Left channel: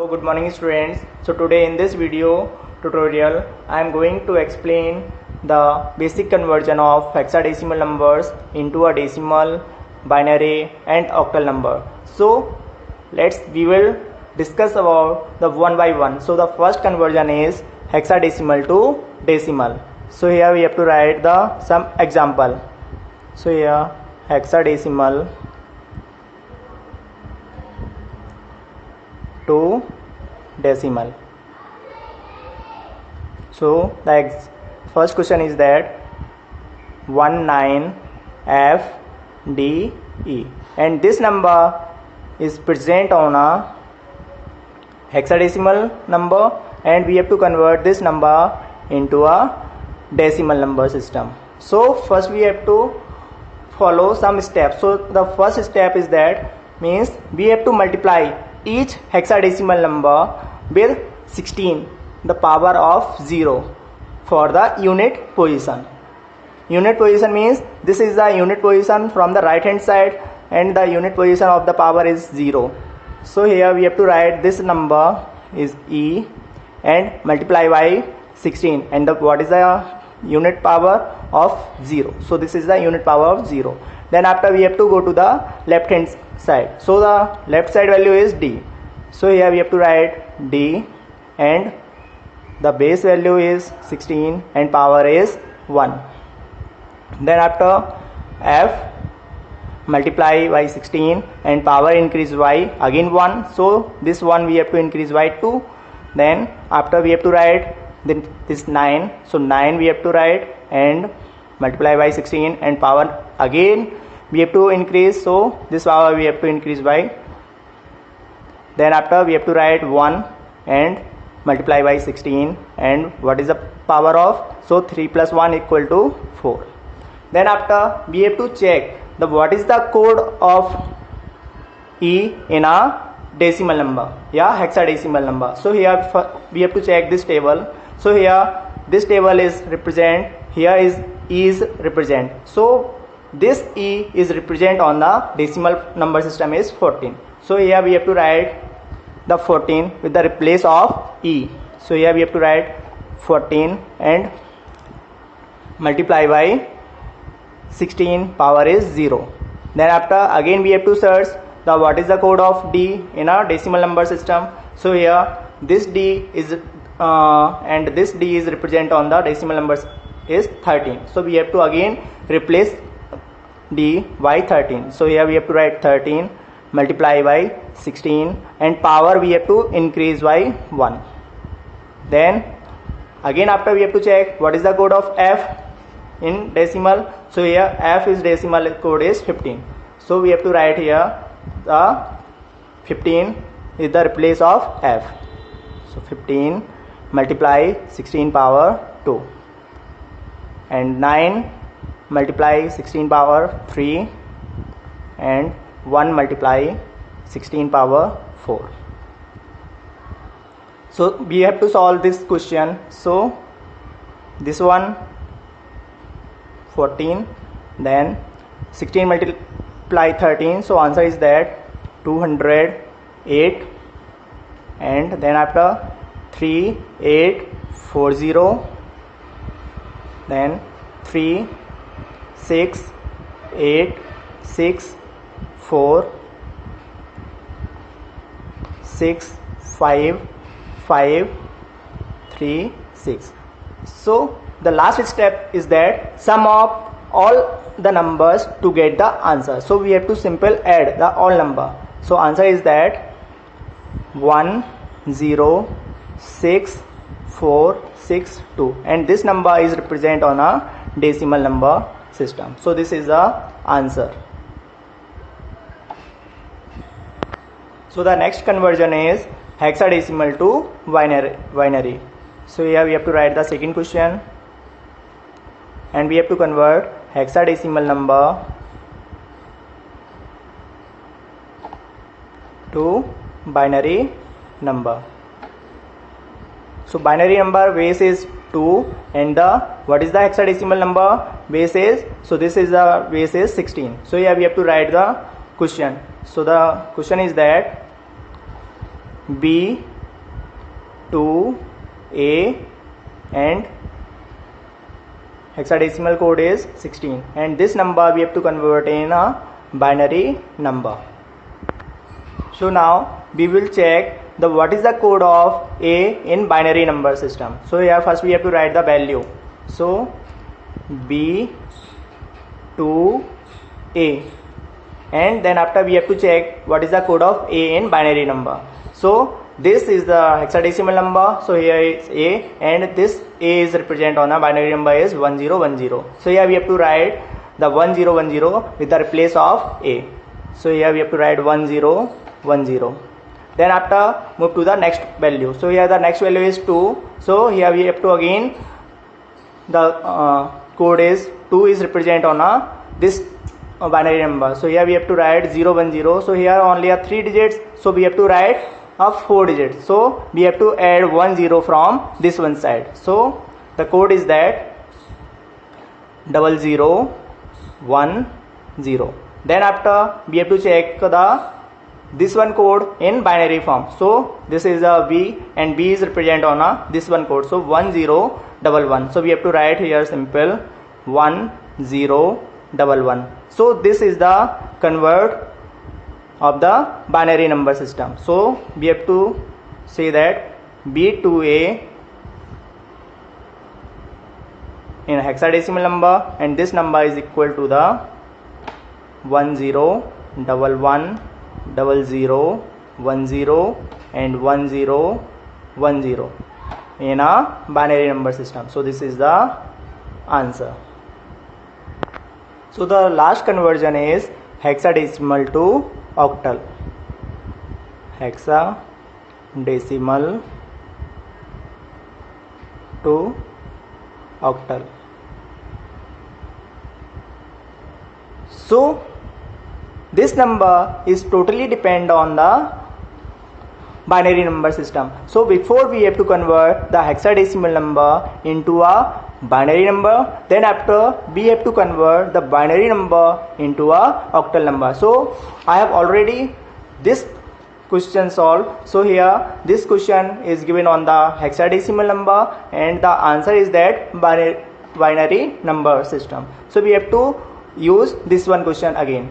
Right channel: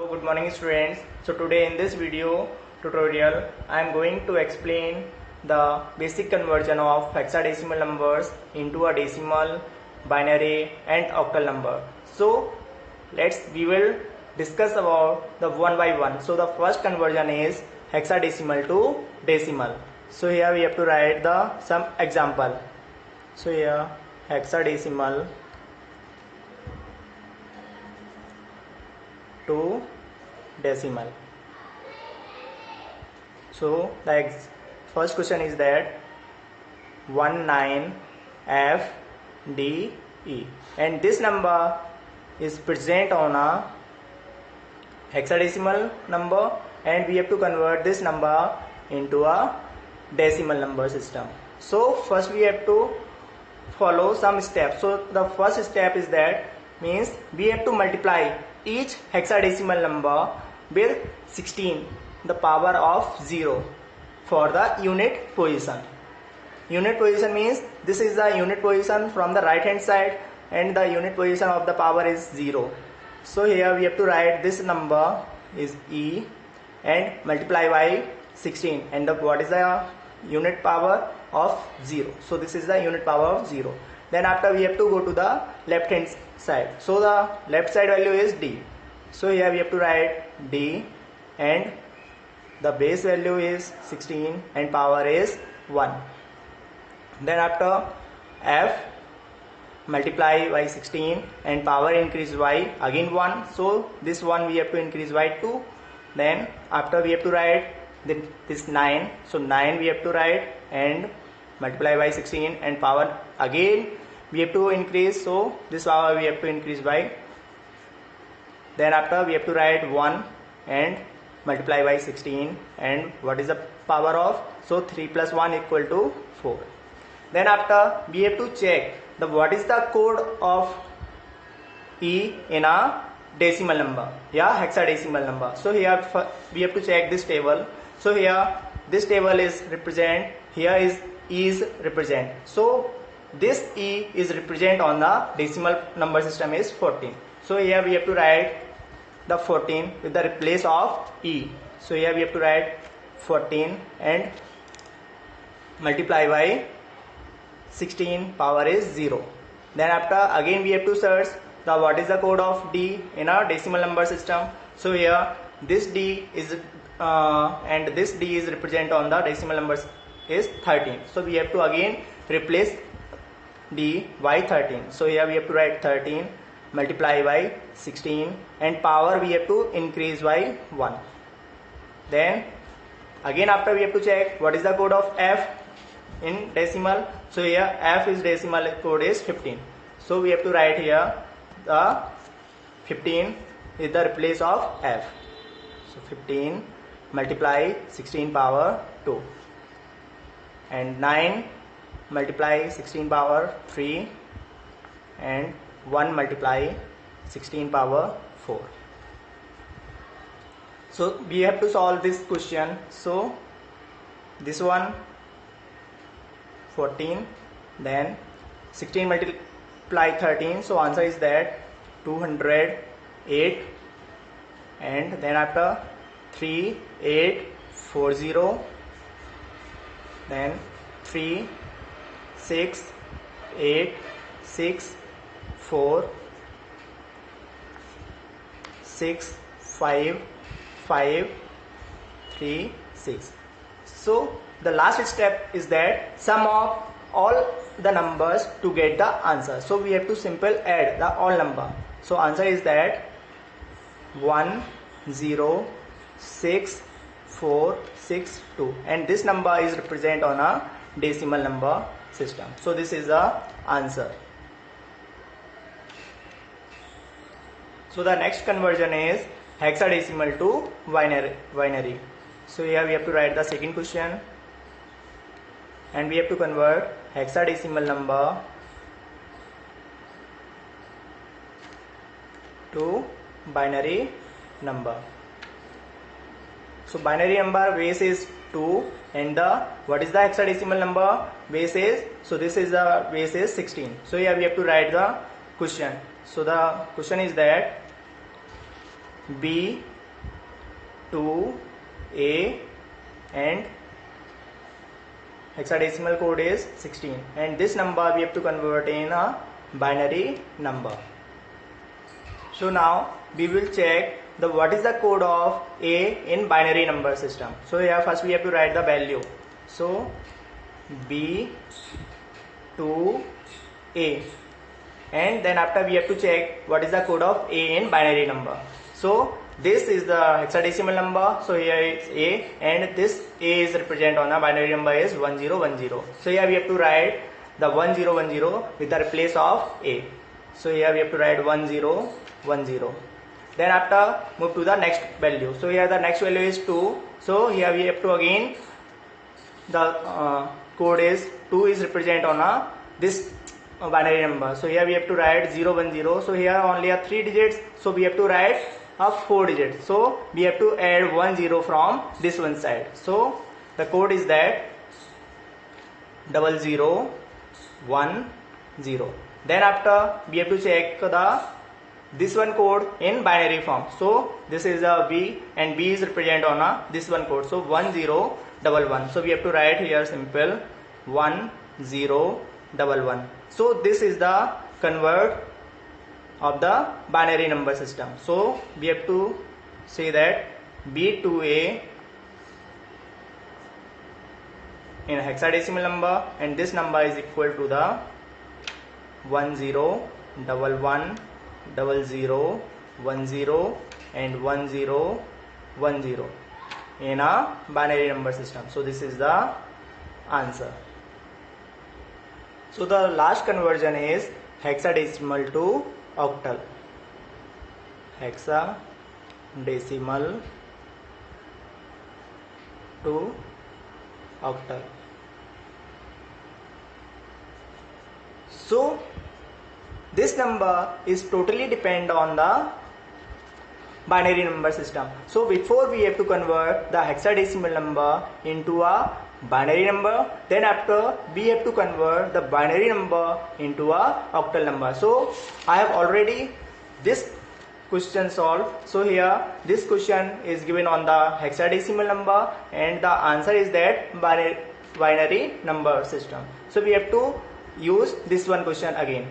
So good morning students. So today in this video tutorial I am going to explain the basic conversion of hexadecimal numbers into a decimal, binary and octal number. So we will discuss about the one by one. So the first conversion is hexadecimal to decimal. So here we have to write some example. So here hexadecimal to decimal. So the first question is that 19FDE, and this number is present on a hexadecimal number, and we have to convert this number into a decimal number system. So first we have to follow some steps. So the first step is that means we have to multiply each hexadecimal number with 16, the power of 0 for the unit position. Unit position means this is the unit position from the right hand side and the unit position of the power is 0. So here we have to write this number is E and multiply by 16, and what is the unit power of 0. So this is the unit power of 0. Then after we have to go to the left hand side. So the left side value is D. So here we have to write D and the base value is 16 and power is 1. Then after F multiply by 16 and power increase by again 1. So this 1 we have to increase by 2. Then after we have to write this 9. So 9 we have to write and multiply by 16 and power again we have to increase. So this power we have to increase by. Then after we have to write 1 and multiply by 16, and what is the power of? So 3 plus 1 equal to 4. Then after we have to check what is the code of E in a decimal number, hexadecimal number. So here we have to check this table. So here this table is represent, here is E is represent. So this E is represent on the decimal number system is 14. So here we have to write the 14 with the replace of E. So here we have to write 14 and multiply by 16, power is 0. Then after again we have to search what is the code of D in a decimal number system. So here this D is and this D is represent on the decimal numbers is 13. So we have to again replace D by 13. So here we have to write 13 multiply by 16 and power we have to increase by 1. Then again after we have to check what is the code of F in decimal. So here F is decimal code is 15. So we have to write here the 15 is the replace of F. So 15 multiply 16 power 2 and 9 multiply 16 power 3 and 1 multiply 16 power 4. So we have to solve this question. So this one 14, then 16 multiply 13. So answer is that 208, and then after 3840, then 3 6 8 6 4 6 5 5 3 6. So the last step is that sum of all the numbers to get the answer. So we have to simple add the all number. So answer is that 1064662, and this number is represent on a decimal number system. So this is the answer. So the next conversion is hexadecimal to binary. So here we have to write the second question, and we have to convert hexadecimal number to binary number. So binary number base is 2 and what is the hexadecimal number base is? So this is the base is 16. So here we have to write the question. So the question is that B, 2, A, and hexadecimal code is 16, and this number we have to convert in a binary number. So now we will check the what is the code of A in binary number system. So here first we have to write the value. So B, 2, A, and then after we have to check what is the code of A in binary number. So this is the hexadecimal number, so here is A, and this A is represent on a binary number is 1010. So here we have to write the 1010 with the replace of A. So here we have to write 1010. Then after move to the next value. So here the next value is 2. So here we have to again the code is 2 is represent on a this binary number. So here we have to write 010. So here only are 3 digits. So we have to write of 4 digits. So we have to add 10 from this one side. So the code is that 0010. Then after we have to check the this one code in binary form. So this is a B, and B is represent on a this one code. So 1011. So we have to write here simple 1011. So this is the convert of the binary number system. So we have to say that B2A in a hexadecimal number, and this number is equal to the 1011, 0010, and 1010 in a binary number system. So this is the answer. So the last conversion is hexadecimal to octal. Hexadecimal to octal. So this number is totally depend on the binary number system. So before we have to convert the hexadecimal number into a binary number, then after we have to convert the binary number into a octal number. So I have already this question solved. So here this question is given on the hexadecimal number, and the answer is that binary number system. So we have to use this one question again.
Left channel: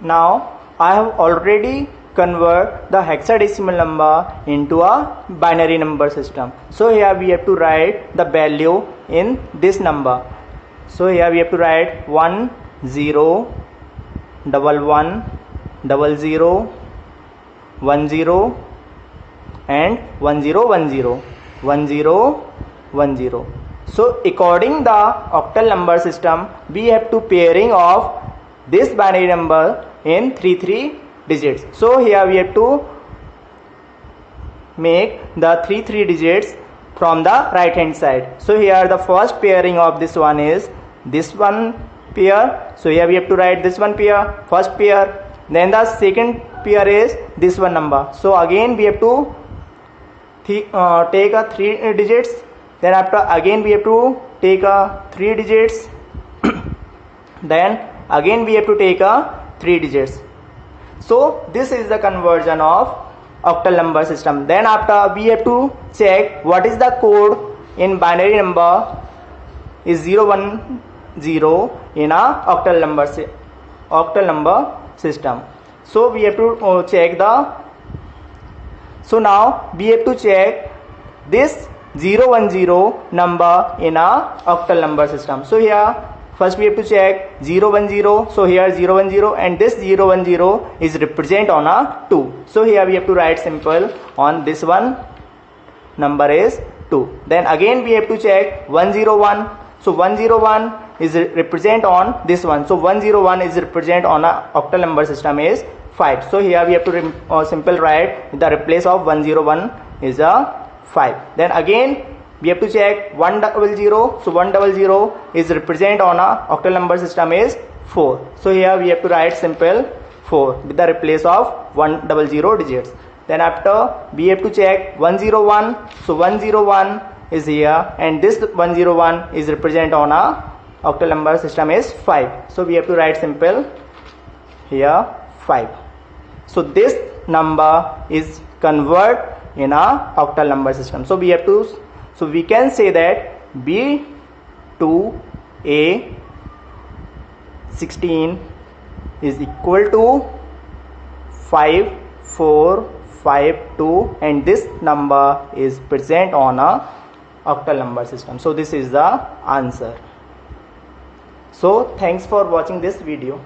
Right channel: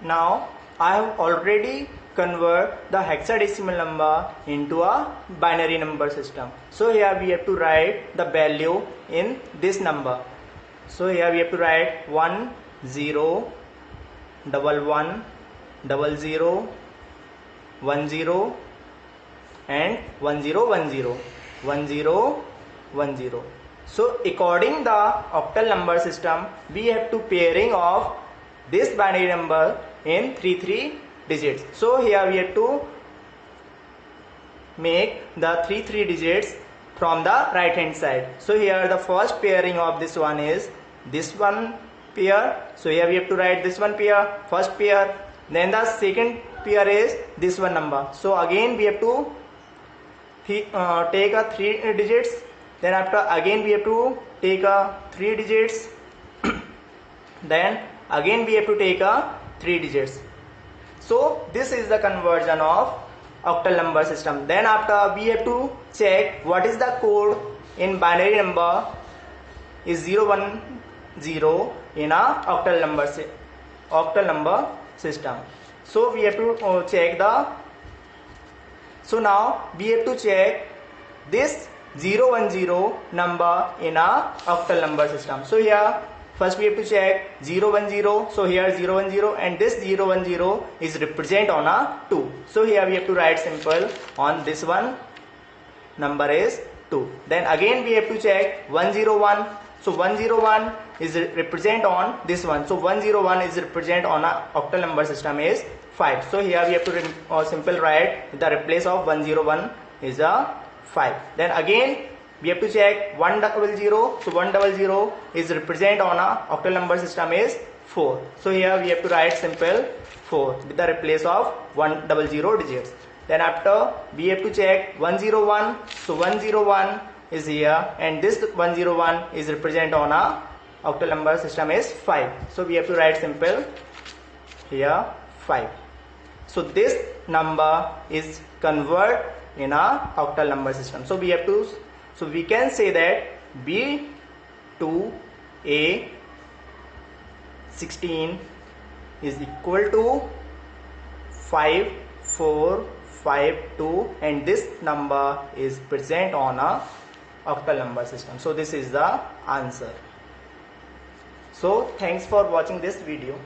Now I have already convert the hexadecimal number into a binary number system. So here we have to write the value in this number. So here we have to write 1011, 0010, 10, and 1010, 1010. So according the octal number system, we have to pairing of this binary number in 3 digits. So here we have to make the 3 digits from the right hand side. So here the first pairing of this one is this one pair. So here we have to write this one pair, first pair. Then the second pair is this one number. So again we have to take a 3 digits. Then after again we have to take a 3 digits. Then again we have to take a 3 digits. So this is the conversion of octal number system. Then after we have to check what is the code in binary number is 010 in a octal number system. So we have to check the. So now we have to check this 010 number in a octal number system. So here first we have to check 010. So here 010, and this 010 is represent on a 2. So here we have to write simple on this one number is 2. Then again we have to check 101. So 101 is represent on this one. So 101 is represent on a octal number system is 5. So here we have to simple write the replace of 101 is a 5. Then again we have to check 100. So 100 is represent on a octal number system is 4. So here we have to write simple 4 with the replace of 100 digits. Then after we have to check 101. So 101 is here, and this 101 is represent on a octal number system is 5. So we have to write simple here 5. So this number is convert in a octal number system. So we can say that B2A16 is equal to 5452, and this number is present on a octal number system. So this is the answer. So thanks for watching this video.